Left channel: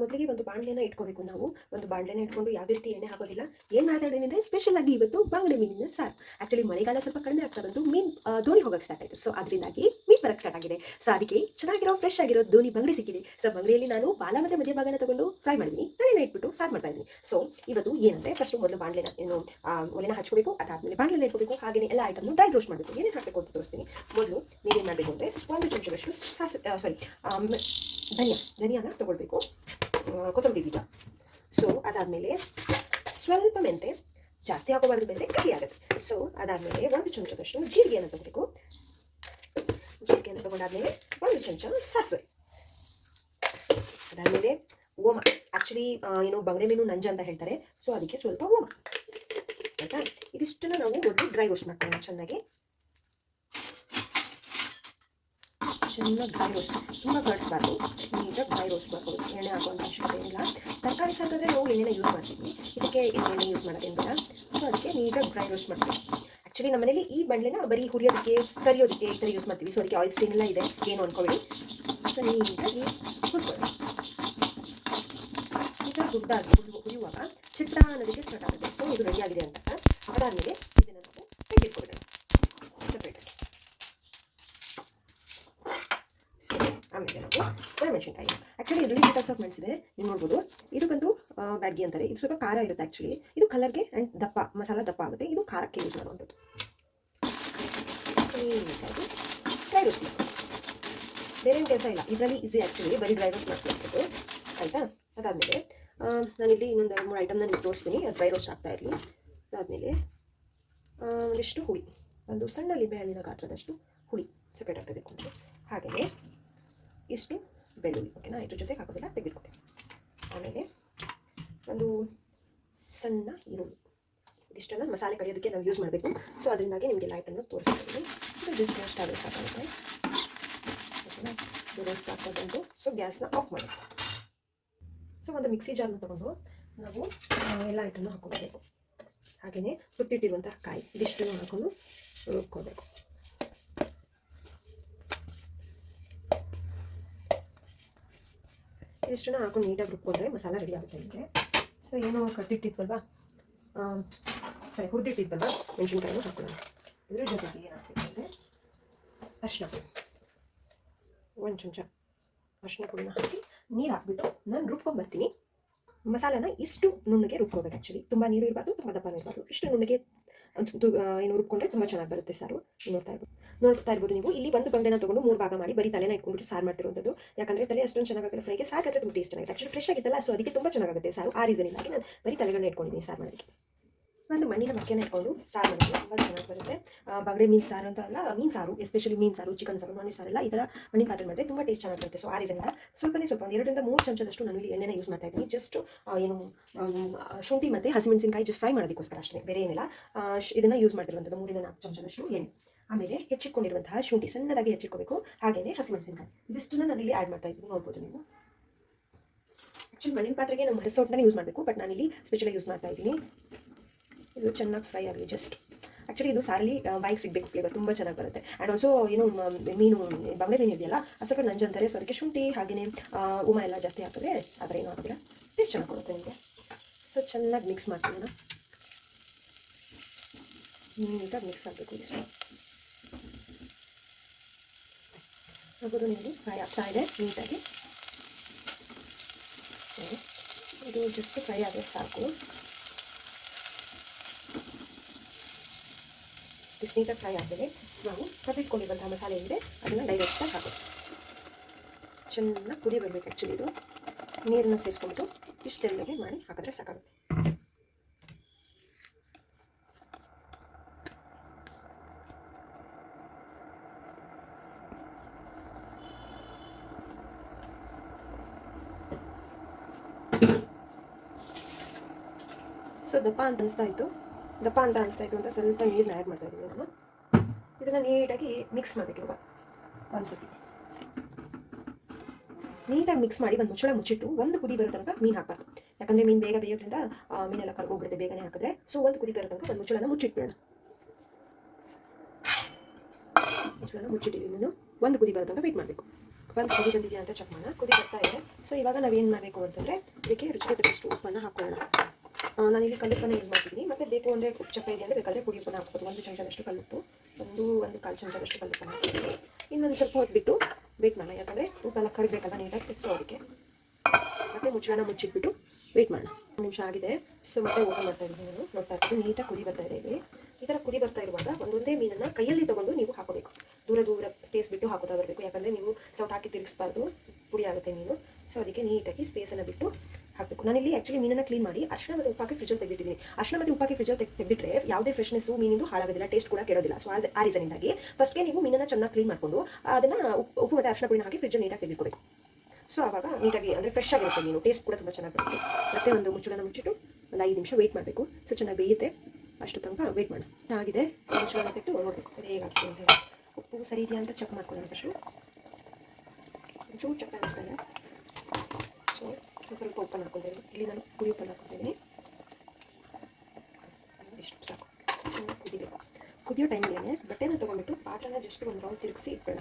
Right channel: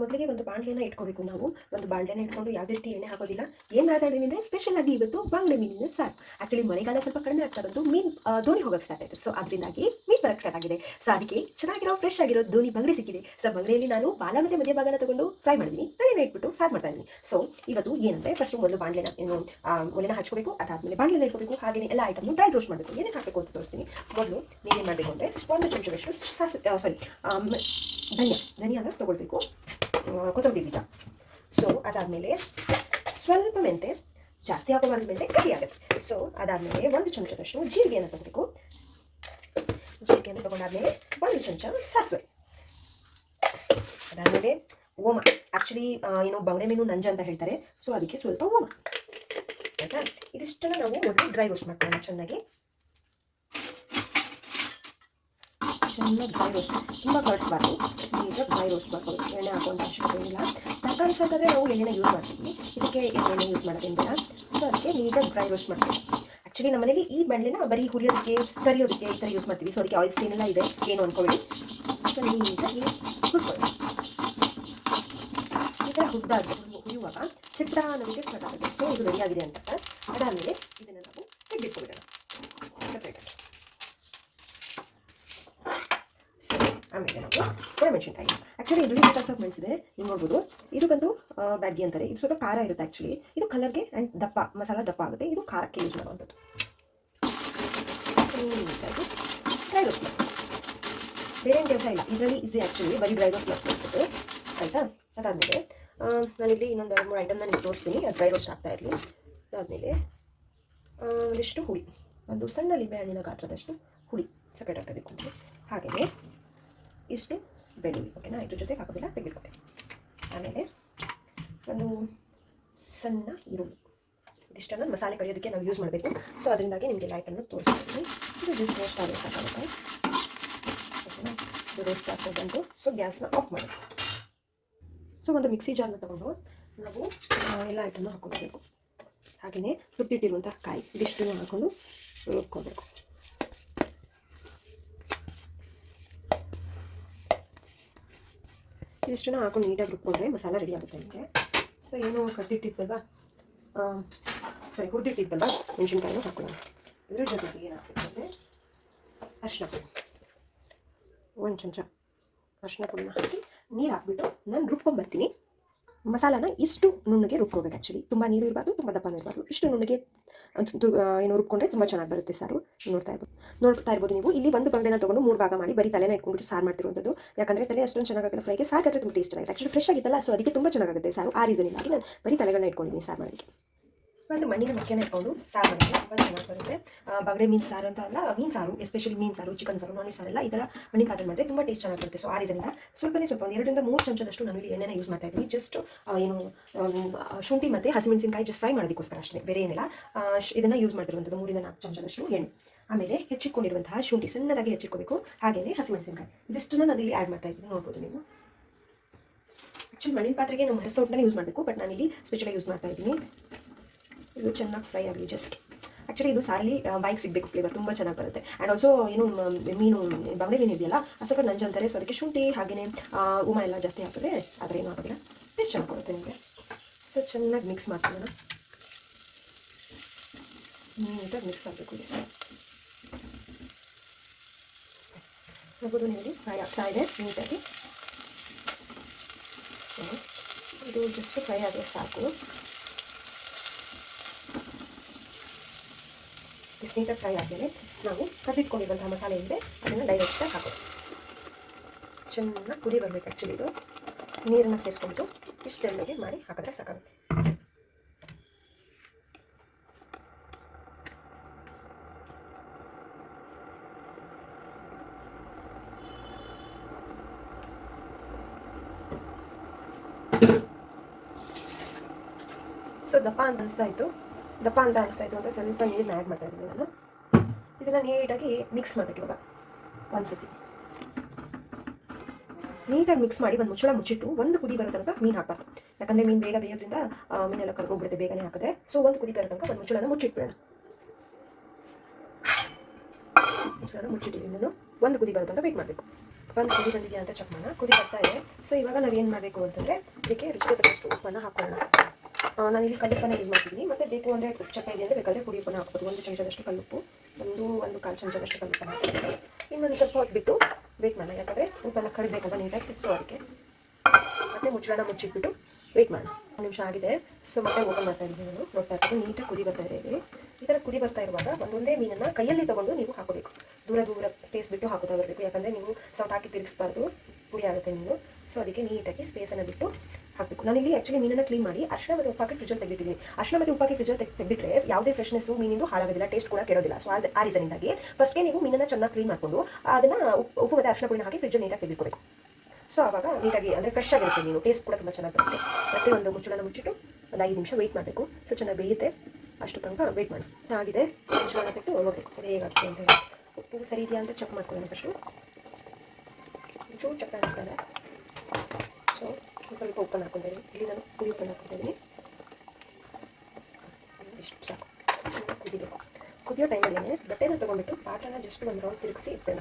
ಮೊದಲಿಗೆ ಒಂದು ಬಾಣಲೆನ ಇಟ್ಕೋಬೇಕು ನಾವು. ಒಂದು ಬಾಣಲೆನ ಇಟ್ಕೊಂಡು ಯಾವುದೇ ರೀತಿ ಎಣ್ಣೆ ಹಾಕೋದಿಲ್ಲ. ಏನು ಮಾಡ್ತಾ ಇದ್ದೀನಿ ಅಂದರೆ ಸ್ಪೆಷಲ್ ಆಗಿ ಇವತ್ತು ಬಂಗಡೆ ಮೀನಿನ ಸಾರು. ಆ್ಯಕ್ಚುಲಿ ಮಳೆಗಾಲ ಸ್ವಲ್ಪ ಕಡಿಮೆ ಆಗ್ತಾ ಬಂತು, ಮೀನು ದೋಣಿ ಹೋಗೋಕ್ಕೆ ಸ್ಟಾರ್ಟ್ ಆಯಿತು. ಸೊ ಅದರಿಂದಾಗಿ ಮೀನು ಬರೋಕ್ಕೆ ಸ್ಟಾರ್ಟ್ ಆಗಿದೆ. ಸೊ ಅದಕ್ಕೆ ಚೆನ್ನಾಗಿರೋ ಫ್ರೆಶ್ ಆಗಿರೋ ದೋಣಿ ಬಂಗಡೆ ಸಿಕ್ಕಿದೆ. ಸೊ ಬಂಗಡೆಯಲ್ಲಿ ನಾನು ಬಾಲ ಮತ್ತು ಮಧ್ಯ ಭಾಗನ ತಗೊಂಡು ಫ್ರೈ ಮಾಡಿದ್ದೀನಿ, ತಲೆನ ಇಟ್ಬಿಟ್ಟು ಸಾರು ಮಾಡ್ತಾ ಇದ್ದೀನಿ. ಸೊ ಇವತ್ತು ಏನಂದರೆ ಫಸ್ಟು ಮೊದಲು ಬಾಣಲೆನ ಒಲೆನ ಹಚ್ಕೋಬೇಕು, ಅದಾದಮೇಲೆ ಬಾಣಲೆನ ಇಟ್ಕೋಬೇಕು, ಹಾಗೆಯೇ ಎಲ್ಲ ಐಟಮ್ನು ಡ್ರೈ ರೋಸ್ಟ್ ಮಾಡಬೇಕು. ಏನೇನು ಹಾಕಬೇಕು ಅಂತ ತೋರಿಸ್ತೀನಿ. ಮೊದಲು ನೀವೇನು ಮಾಡಬೇಕು ಅಂದರೆ ಒಂದು ಚಮಚದಷ್ಟು ಧನಿಯಾನ ತೊಗೊಳ್ಬೇಕು, ಕೊತ್ತಂಬರಿ ಬೀಜ. ಸೊ ಅದಾದಮೇಲೆ ಸ್ವಲ್ಪ ಮೆಂತೆ, ಜಾಸ್ತಿ ಹಾಕೋಬಾರ್ದು, ಮೆಂತೆ ಕಹಿ ಆಗುತ್ತೆ. ಸೊ ಅದಾದಮೇಲೆ ಒಂದು ಚಮಚದಷ್ಟು ಜೀರಿಗೆಯನ್ನು ತಗೋಬೇಕು. ಜೀರಿಗೆಯನ್ನು ತೊಗೊಂಡಾದ್ಮೇಲೆ ಒಂದು ಚಮಚ ಸಾಸಿವೆ, ಅದಾದಮೇಲೆ ಓಮ. ಆ್ಯಕ್ಚುಲಿ ಬಂಗಡೆ ಮೀನು ನಂಜ ಅಂತ ಹೇಳ್ತಾರೆ. ಸೊ ಅದಕ್ಕೆ ಸ್ವಲ್ಪ ಓಮ, ಆಯಿತಾ. ಇದಿಷ್ಟನ್ನು ನಾವು ಮೊದಲು ಡ್ರೈ ರೋಸ್ಟ್ ಮಾಡ್ಕೊಳ್ಳೋಣ. ಚೆನ್ನಾಗಿ ಡ್ರೈ ರೋಸ್ಟ್, ತುಂಬ ಕಳಿಸ್ಬಾರ್ದು, ನೀಟಾಗಿ ಡ್ರೈ ರೋಸ್ಟ್ ಮಾಡ್ಬೋದು. ಎಣ್ಣೆ ಹಾಕುವಂಥ ಅವಶ್ಯಕತೆ ಏನಿಲ್ಲ. ತರಕಾರಿ ಸಾಕಾದರೆ ನಾವು ಎಣ್ಣೆನ ಯೂಸ್ ಮಾಡ್ತೀವಿ, ಇದಕ್ಕೆ ಎಣ್ಣೆ ಯೂಸ್ ಮಾಡೋದೇನು ಬೇಡ. ಸೊ ಅದಕ್ಕೆ ನೀಟಾಗಿ ಡ್ರೈ ರೋಸ್ಟ್ ಮಾಡ್ತೀವಿ. ಆ್ಯಕ್ಚುಲಿ ನಮ್ಮ ಮನೇಲಿ ಈ ಬಾಣಲೆನ ಬರೀ ಹುರಿಯೋದಕ್ಕೆ, ಕರಿಯೋದಕ್ಕೆ ಈ ಥರ ಯೂಸ್ ಮಾಡ್ತೀವಿ. ಸೊ ಅದಕ್ಕೆ ಆಯಿಲ್ ಸ್ಟೇನ್ ಎಲ್ಲ ಇದೆ, ಏನು ಅಂದ್ಕೊಳ್ಳಿ. ಸೊ ನೀಟಾಗಿ ಹುರ್ಕೊಳ್ಳಿ. ಈ ಥರ ಹುರಿಯುವಾಗ ಚಿತ್ರ ಅನ್ನೋದಕ್ಕೆ ಸ್ಟಾರ್ಟ್ ಆಗುತ್ತೆ. ಸೊ ಇದು ರೆಡಿ ಆಗಿದೆ ಅಂತ. ಅದಾದಮೇಲೆ ಇದನ್ನು ನಾವು ತೆಗೆದಿಟ್ಕೊಬಿಡೋಣ ಸಪ್ರೇಟಾಗಿ. ಆಮೇಲೆ ನಾವು ಒಣಮೆಣಸಿನ್ಕಾಯಿ. ಆ್ಯಕ್ಚುಲಿ ಇದರಲ್ಲಿ ಟೈಪ್ಸ್ ಆಫ್ ಮೆಣಸಿದೆ, ನೀವು ನೋಡ್ಬೋದು. ಇದಕ್ಕಂತೂ ಬ್ಯಾಡ್ಗಿ ಅಂತಾರೆ. ಇದು ಸ್ವಲ್ಪ ಖಾರ ಇರುತ್ತೆ. ಆ್ಯಕ್ಚುಲಿ ಇದು ಕಲರ್ಗೆ ಆ್ಯಂಡ್ ದಪ್ಪ ಮಸಾಲ ದಪ್ಪ ಆಗುತ್ತೆ. ಇದು ಖಾರಕ್ಕೆ ಯೂಸ್ ಮಾಡುವಂಥದ್ದು. ಡ್ರೈ ರೋಸ್ಟ್ ಮಾಡಿ, ಬೇರೆ ಏನು ಕೆಲಸ ಇಲ್ಲ ಇದರಲ್ಲಿ. ಈಸಿ ಆ್ಯಕ್ಚುಲಿ ಬರೀ ಡ್ರೈ ರೋಸ್ಟ್ ಮಾಡ್ಕೊಳ್ಬೋದು, ಆಯಿತಾ. ಅದಾದಮೇಲೆ ನಾನಿಲ್ಲಿ ಇನ್ನೊಂದು 2-3 ಐಟಮ್ನ ನಿಮ್ಗೆ ತೋರಿಸ್ತೀನಿ, ಅದು ಡ್ರೈ ರೋಸ್ಟ್ ಆಗ್ತಾ ಇರಲಿ. ಅದಾದಮೇಲೆ ಒಂದಿಷ್ಟು ಹುಳಿ, ಒಂದು ಸಣ್ಣ ಲಿಂಬೆಹಣ್ಣಿನ ಗಾತ್ರದಷ್ಟು ಹುಳಿ ಸಪ್ರೇಟಾಗಿ ತೆಗೆದುಕೊಂಡ್ರೆ, ಹಾಗೆಯೇ ಇಷ್ಟು ಬೆಳ್ಳುಳ್ಳಿ, ಓಕೆನಾ. ಇದ್ರ ಜೊತೆಗೆ ಹಾಕೋದಿಲ್ಲ, ತೆಗೆದುಕೊಳ್ತೀನಿ. ಆಮೇಲೆ ಒಂದು ಸಣ್ಣ ಈರುಳ್ಳಿ. ಇದಿಷ್ಟನ್ನು ಮಸಾಲೆ ಕಡಿಯೋದಕ್ಕೆ ನಾವು ಯೂಸ್ ಮಾಡಬೇಕು. ಸೊ ಅದರಿಂದಾಗಿ ನಿಮಗೆ ಲೈಟನ್ನು ತೋರಿಸ್ತೀನಿ. ಇದು ಜಸ್ಟ್ ರೋಸ್ಟ್ ಆದರೆ ಸಾಕಾಗುತ್ತೆ, ಓಕೆನಾ. ಇದು ರೋಸ್ಟ್ ಆಗ್ತಾ ಬಂದು ಸೊ ಗ್ಯಾಸ್ನ ಆಫ್ ಮಾಡಿ. ಸೊ ಒಂದು ಮಿಕ್ಸಿ ಜಾರ್ನ ತೊಗೊಂಡು ನಾವು ಎಲ್ಲ ಐಟಮ್ನ ಹಾಕ್ಕೋಬೇಕು. ಹಾಗೆಯೇ ಹುರಿದಿಟ್ಟಿರುವಂಥ ಕಾಯಿ ಇದಿಷ್ಟನ್ನು ಹಾಕ್ಕೊಂಡು ರುಬ್ಕೋಬೇಕು. ಇದಿಷ್ಟನ್ನು ಹಾಕೊಂಡು ನೀಟಾಗಿ ರುಬ್ಕೊಂಡ್ರೆ ಮಸಾಲ ರೆಡಿ ಆಗುತ್ತೆ ನಿಮಗೆ. ಸೊ ಏನು ಕಟ್ಟಿಟ್ಟಿದ್ವಲ್ವಾ, ಹುರಿದಿಟ್ಟಿದ್ವಲ್ವಾ ಮೆಣಸಿನ್ಕಾಯಿನೂ ಹಾಕೊಳ್ಳೋಣ. ಇದ್ರ ಜೊತೆಗೆ ಏನು ಹಾಕಬೇಕು ಅಂದರೆ ಅರಿಶಿನ ಪುಡಿ, 1 ಚಮಚ ಅರಿಶಿನ ಪುಡಿನ ಹಾಕಿ ನೀರು ಹಾಕ್ಬಿಟ್ಟು ನಾನು ರುಬ್ಕೊಂಡ್ಬರ್ತೀನಿ. ಮಸಾಲಾನ ಇಷ್ಟು ನುಣ್ಣಗೆ ರುಬ್ಕೋಬೇಕು. ಆ್ಯಕ್ಚುಲಿ ತುಂಬ ನೀರು ಇರಬಾರ್ದು, ತುಂಬ ದಪ್ಪನೂ ಇರಬಾರ್ದು. ಇಷ್ಟು ನುಣ್ಣಗೆ ರುಬ್ಕೊಂಡ್ರೆ ತುಂಬ ಚೆನ್ನಾಗಿ ಬರುತ್ತೆ ಸಾರು. ನೋಡ್ತಾ ಇರ್ಬೋದು ನೀವು. ಇಲ್ಲಿ ಒಂದು ಬಂಡೆನ ತೊಗೊಂಡು 3 ಭಾಗ ಮಾಡಿ ಬರೀ ತಲೆನ ಇಟ್ಕೊಂಡ್ಬಿಟ್ಟು ಸಾರು ಮಾಡ್ತಿರುವಂಥದ್ದು. ಯಾಕಂದರೆ ತಲೆ ಅಷ್ಟೊಂದು ಚೆನ್ನಾಗಾಗಲ್ಲ ಫ್ರೈಗೆ, ಸಾಕಾದರೆ ತುಂಬ ಟೇಸ್ಟ್ ಚೆನ್ನಾಗಿದೆ. ಆ್ಯಕ್ಚುಲಿ ಫ್ರೆಶ್ ಆಗಿತ್ತಲ್ಲ, ಸೊ ಅದಕ್ಕೆ ತುಂಬ ಚೆನ್ನಾಗುತ್ತೆ ಸಾರು. ಆ ರೀಸನಿಂದಾಗಿ ನಾನು ಬರೀ ತಲೆಗಳನ್ನ ಇಟ್ಕೊಂಡಿದ್ದೀನಿ ಸಾರು ಮಾಡೋದಕ್ಕೆ. ಒಂದು ಮಣ್ಣಿನ ಮಕ್ಕೆನ ಇಟ್ಕೊಂಡು ಸಾರು ಮಾಡಿದ್ರೆ ತುಂಬ ಚೆನ್ನಾಗಿ ಬರುತ್ತೆ. ಬಗಡೆ ಮೀನು ಸಾರು ಅಂತ ಅಲ್ಲ, ಮೀನು ಸಾರು, ಎಸ್ಪೆಷಲಿ ಮೀನು ಸಾರು, ಚಿಕನ್ ಸಾರು, ನಾನ್ ವೆಜ್ ಸಾರೆಲ್ಲ ಈ ಥರ ಮಣ್ಣಿನ ಪಾತ್ರೆ ಮಾಡಿದ್ರೆ ತುಂಬ ಟೇಸ್ಟ್ ಚೆನ್ನಾಗಿ ಬರುತ್ತೆ. ಸೊ ಆ ರೀಸನಿಂದ ಸ್ವಲ್ಪ ಒಂದು 2-3 ಚಮಚದಷ್ಟು ನಾನು ಇಲ್ಲಿ ಎಣ್ಣೆನ ಯೂಸ್ ಮಾಡ್ತಾ ಇದ್ದೀನಿ. ಜಸ್ಟ್ ಶುಂಠಿ ಮತ್ತು ಹಸಿಮೆಣಸಿನಕಾಯಿ ಜಸ್ಟ್ ಫ್ರೈ ಮಾಡೋದಕ್ಕೋಸ್ಕರ ಅಷ್ಟೇ, ಬೇರೆ ಏನಿಲ್ಲ. ಇದನ್ನು ಯೂಸ್ ಮಾಡ್ತಿರುವಂಥದ್ದು 3-4 ಚಮಚದಷ್ಟು ಎಣ್ಣೆ. ಆಮೇಲೆ ಹೆಚ್ಚಿಟ್ಕೊಂಡಿರುವಂತಹ ಶುಂಠಿ ಸಣ್ಣದಾಗಿ ಹೆಚ್ಚಿಟ್ಕೋಬೇಕು, ಹಾಗೆಯೇ ಹಸಿಮೆಣಸಿನಕಾಯಿ ಇದಿಷ್ಟನ್ನು ನಾನು ಇಲ್ಲಿ ಆ್ಯಡ್ ಮಾಡ್ತಾ ಇದ್ದೀನಿ, ನೋಡ್ಬೋದು ನೀವು. ಆ್ಯಕ್ಚುಲಿ ಮಣ್ಣಿನ ಪಾತ್ರೆಗೆ ನಾವು ಹರಿಸೋಟನ್ನ ಯೂಸ್ ಮಾಡಬೇಕು, ಬಟ್ ನಾನಿಲ್ಲಿ ಸ್ಪೆಷಲಾಗಿ ಯೂಸ್ ಮಾಡ್ತಾ ಇದ್ದೀನಿ. ಇದು ಚೆನ್ನಾಗಿ ಫ್ರೈ ಆಗಲಿ ಜಸ್ಟ್. ಆ್ಯಕ್ಚುಲಿ ಇದು ಸಾರಲ್ಲಿ ಬಾಯಿಗೆ ಸಿಗಬೇಕು, ಫ್ಲೇವರ್ ತುಂಬ ಚೆನ್ನಾಗಿ ಬರುತ್ತೆ. ಆ್ಯಂಡ್ ಆಲ್ಸೋ ಮೀನು ಬಂಗಡೆ ಮೀನು ಇದೆಯಲ್ಲ, ಅದು ಸ್ವಲ್ಪ ನಂಜು ಅಂತಾರೆ. ಸೊ ಅದಕ್ಕೆ ಶುಂಠಿ ಹಾಗೆಯೇ ಉಮ ಎಲ್ಲ ಜಾಸ್ತಿ ಹಾಕಿದ್ರೆ ಆದರೆ ಏನೂ ಆಗೋದಿಲ್ಲ, ಟೇಸ್ಟ್ ಚೆನ್ನಾಗಿ ಕೊಡುತ್ತೆ ನಿಮಗೆ. ಸೊ ಚೆನ್ನಾಗಿ ಮಿಕ್ಸ್ ಮಾಡ್ತೀನಿ, ನೀಟಾಗಿ ಮಿಕ್ಸ್ ಆಗಬೇಕು. ಇಷ್ಟು ನೋಡ್ಬೋದು ನೀವು, ಫ್ರೈ ಆಗ್ತಾ ಇದೆ ನೀಟಾಗಿ. ಇದು ಜಸ್ಟ್ ಫ್ರೈ ಆದರೆ ಸಾಕು. ಇಷ್ಟು ನೀಟಾಗಿ ಫ್ರೈ ಆದಮೇಲೆ ನಾವು ಕರಿಟ್ಕೊಂಡಿರುವಂಥ ಮಸಾಲೆ ಏನಿದೆ ಅದನ್ನು ಡೈರೆಕ್ಟಾಗಿ ಹಾಕೋದು. ಚೆನ್ನಾಗಿ ಕುದಿ ಬರಬೇಕು. ಆ್ಯಕ್ಚುಲಿ ಇದು ನೀರನ್ನು ಸೇರಿಸ್ಕೊಂಡು ಇಷ್ಟೆಲ್ಲಗೆ ಮಾಡಿ ಹಾಕಿದ್ರೆ ಸಾಕಾಗುತ್ತೆ. ಸೊ ದಪ್ಪ ಅಂತ ಅನಿಸ್ತಾ ಇತ್ತು ಅಂತ ಸ್ವಲ್ಪ ನೀರನ್ನ ಆ್ಯಡ್ ಮಾಡ್ತಾ ಇದ್ದೀನಿ ನಾನು. ಇದನ್ನು ನೀಟಾಗಿ ಮಿಕ್ಸ್ ಮಾಡಬೇಕು. ಇವಾಗ ಒಂದ್ಸತಿ ನೀಟಾಗಿ ಮಿಕ್ಸ್ ಮಾಡಿ ಒಂದು ಮುಚ್ಚಳ ಮುಚ್ಚಿಟ್ಟು ಒಂದು ಕುದಿ ಬರೋ ತನಕ ಮೀನು ಹಾಕಬಾರ್ದು. ಯಾಕಂದರೆ ಮೀನು ಬೇಗ ಬೇಯೋದ್ರಿಂದ ಮೀನೆಲ್ಲ ಕರ್ಗೋಗ್ಬಿಡುತ್ತೆ ಬೇಗನೆ ಹಾಕಿದ್ರೆ. ಸೊ ಒಂದು ಕುದಿ ಬರೋ ತನಕ ಒಂದು ಮುಚ್ಚಳನ ಮುಚ್ಚಿಟ್ಬಿಡೋಣ. ಮುಚ್ಚಳನ ಮುಚ್ಚಿಟ್ಟಿದ್ದೀನಿ ನಾನು. ಒಂದು ಕುದಿ ಬರೋ ತನಕ ವೇಟ್ ಮಾಡಬೇಕು. ಒಂದು ಕುದಿ ಬಂದಿದೆಯಾ ಅಂತ ಚೆಕ್ ಮಾಡೋಣ. ಕುದಿ ಬರ್ತಾ ಇದೆ. ಸೊ ಇವಾಗ ನಾವೇನು ಮಾಡಬೇಕು ಅಂತಂದರೆ ಇದಕ್ಕೆ ರುಚಿಗೆ ತಕ್ಕಷ್ಟು ಉಪ್ಪನ್ನು ಹಾಕೊಳ್ಳೋಣ. ನಾನಿಲ್ಲಿ ಕಲ್ಲುಪ್ಪನ್ನು ಯೂಸ್ ಮಾಡ್ತಿದ್ದೀನಿ. ಮತ್ತು ಬೇಕು ಅಂದರೆ ಉಪ್ಪು ಚಪ್ಪೆ ಇದೆ ಅಂದರೆ ಬೇಕಾದರೆ ಪುಡಿ ಉಪ್ಪನ್ನು ಹಾಕ್ಬೋದು. 1 ಚಮಚದಷ್ಟು ಕಲ್ಲುಪ್ಪು, ಒಂದು ಕಾಲು ಚಮಚದಷ್ಟು ಕಲ್ಲುಪ್ಪನ್ನು ಹಾಕ್ಬೋದು. ಇನ್ನೊಂದು ಸ್ವಲ್ಪ ಹೊತ್ತು ಬಿಟ್ಟು ವೇಟ್ ಮಾಡೋಣ, ಯಾಕಂದರೆ ಉಪ್ಪೆಲ್ಲ ಕರಿಬೇಕಲ್ಲ ನೀಟಾಗಿ. ಸೊ ಅದಕ್ಕೆ ಮತ್ತು ಮುಚ್ಚಳನ ಮುಚ್ಚಿಟ್ಬಿಟ್ಟು ವೇಟ್ ಮಾಡೋಣ. 1 ನಿಮಿಷ ಆಗಿದೆ. ಸೊ ಮತ್ತೆ ಓಪನ್ ಮಾಡ್ತಾ ಇದ್ದೀನಿ. ನಾನು ನೋಡ್ತಾ ಇರ್ತೀನಿ ನೀಟಾಗಿ ಕುದಿ ಬರ್ತಾ ಇದೆ. ಇಲ್ಲಿ ಈ ಥರ ಕುದಿ ಬರ್ತಾ ಇರುವಾಗ ಒಂದೊಂದೇ ಮೀನನ್ನು ಕೈಯಲ್ಲಿ ತೊಗೊಂಡು ನೀವು ಹಾಕೋಬೇಕು. ದೂರ ಸ್ಪೇಸ್ ಬಿಟ್ಟು ಹಾಕೋತಾ ಬರಬೇಕು, ಯಾಕಂದರೆ ನೀವು ಸೌಟ್ ಹಾಕಿ ತಿರುಗಿಸ್ಬಾರ್ದು, ಪುಡಿ ಆಗುತ್ತೆ ಮೀನು. ಸೊ ಅದಕ್ಕೆ ನೀಟಾಗಿ ಸ್ಪೇಸನ್ನು ಬಿಟ್ಟು ಹಾಕಬೇಕು. ನಾನಿಲ್ಲಿ ಆ್ಯಕ್ಚುಲಿ ಮೀನನ್ನು ಕ್ಲೀನ್ ಮಾಡಿ ಅರಿಶಿನ ಮತ್ತು ಉಪ್ಪಾಕಿ ಫ್ರಿಜ್ಜಲ್ಲಿ ತೆಗೆದಿದ್ದೀನಿ. ಅರಿಶಿನ ಮತ್ತು ಉಪ್ಪಾಕಿ ಫ್ರಿಜ್ಜಲ್ಲಿ ತೆಗೆದಿಟ್ಟರೆ ಯಾವುದೇ ಫ್ರೆಶ್ನೆಸ್ಸು ಮೀನಿಂದು ಹಾಳಾಗೋದಿಲ್ಲ, ಟೇಸ್ಟ್ ಕೂಡ ಕೆಡೋದಿಲ್ಲ. ಸೊ ಆ ರೀಸನಿಂದಾಗಿ ಫಸ್ಟ್ಗೆ ನೀವು ಮೀನನ್ನು ಚೆನ್ನಾಗಿ ಕ್ಲೀನ್ ಮಾಡಿಕೊಂಡು ಅದನ್ನು ಉಪ್ಪು ಮತ್ತು ಅರಿಶಿನ ಪುಡಿನ ಹಾಕಿ ಫ್ರಿಜ್ಜಲ್ಲಿ ನೀಟಾಗಿ ತೆಗೆದುಕೋಬೇಕು. ಸೊ ಆವಾಗ ನೀಟಾಗಿ ಅಂದರೆ ಫ್ರೆಶ್ ಆಗಿರುತ್ತೆ ಮೀನು, ಟೇಸ್ಟ್ ಕೂಡ ತುಂಬ ಚೆನ್ನಾಗಿ ಬರುತ್ತೆ. ಮತ್ತು ಒಂದು ಮುಚ್ಚಳನ ಮುಚ್ಚಿಟ್ಟು ಒಂದು 5 ನಿಮಿಷ ವೆಯ್ಟ್ ಮಾಡಬೇಕು. ಸೊ ಚೆನ್ನಾಗಿ ಬೇಯುತ್ತೆ, ಅಷ್ಟು ತನಕ ವೆಯ್ಟ್ ಮಾಡಿ. ಆಗಿದೆ, ಮುಚ್ಚಳನ ತೆಗೆದು ನೋಡಬೇಕು ಅದು ಹೇಗಾಗ್ತದೆ ಅಂತ ಹೇಳಿ. ಉಪ್ಪು ಸರಿ ಇದೆಯಾ ಅಂತ ಚೆಕ್ ಮಾಡ್ಕೊಳ್ಳೋಣ ಫಸ್ಟು. ಚೂರು ಚಪ್ಪ ಅನಿಸ್ತಾರೆ. ಸೊ ಒಂದು ಸ್ವಲ್ಪ ಉಪ್ಪನ್ನು ಹಾಕ್ಕೊಳ್ತೀನಿ. ಇಲ್ಲಿ ನಾನು ಪುಡಿ ಉಪ್ಪನ್ನು ಹಾಕ್ಕೊಳ್ತೀನಿ. ಇಷ್ಟು ಸಾಕು. ಚೆನ್ನಾಗಿ ಕುದಿಬೇಕು. ಕುದಿಯೋ ಟೈಮಲ್ಲಿ ಬಟ್ಟೆನ ತೊಗೊಂಡ್ಬಿಟ್ಟು ಪಾತ್ರನ ಜಸ್ಟ್ ಒಂದು ರೌಂಡ್ ತಿರುಗಿಸಿ ಇಟ್ಬೇಡ,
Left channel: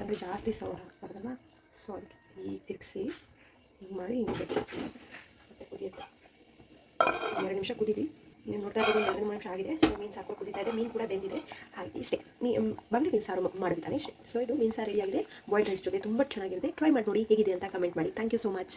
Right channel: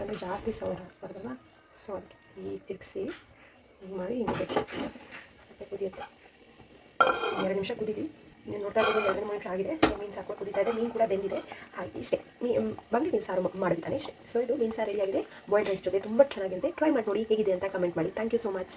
ಅಂದರೆ ಜಾಸ್ತಿ ಸೌಂಡ್ ಹಾಕ್ಬಾರ್ದಲ್ಲ. ಸೊ ಅದಕ್ಕೆ ಈಗ ತಿರುಗಿಸಿ ಹಿಂಗೆ ಮಾಡಿ ಹಿಂಗೆ ಬೇಕು. ಮತ್ತು ಕುದಿಯುತ್ತೆ. 2 ನಿಮಿಷ ಕುದೀಲಿ. ನೀವು ನೋಡ್ತಾ ಇದ್ದೀವಿ 2-3 ನಿಮಿಷ ಆಗಿದೆ. ಸೊ ಮೀನು ಸಾಕು ಕುದೀತಾ ಇದೆ, ಮೀನು ಕೂಡ ಬೆಂದಿದೆ. ಹಾಗೆ ಇಷ್ಟೇ ಬಂಗಡೆ ಮೀನು ಸಾರು ಮಾಡಿದ್ದಾನೆ ಇಷ್ಟೇ. ಸೊ ಇದು ಮೀನು ಸಾರು ರೆಡಿಯಾಗಿದೆ. ಬಾಯ್ಲ್ಡ್ ರೈಸ್ ಜೊತೆ ತುಂಬ ಚೆನ್ನಾಗಿರುತ್ತೆ. ಟ್ರೈ ಮಾಡಿ ನೋಡಿ ಹೇಗಿದೆ ಅಂತ ಕಮೆಂಟ್ ಮಾಡಿ. Thank you so much.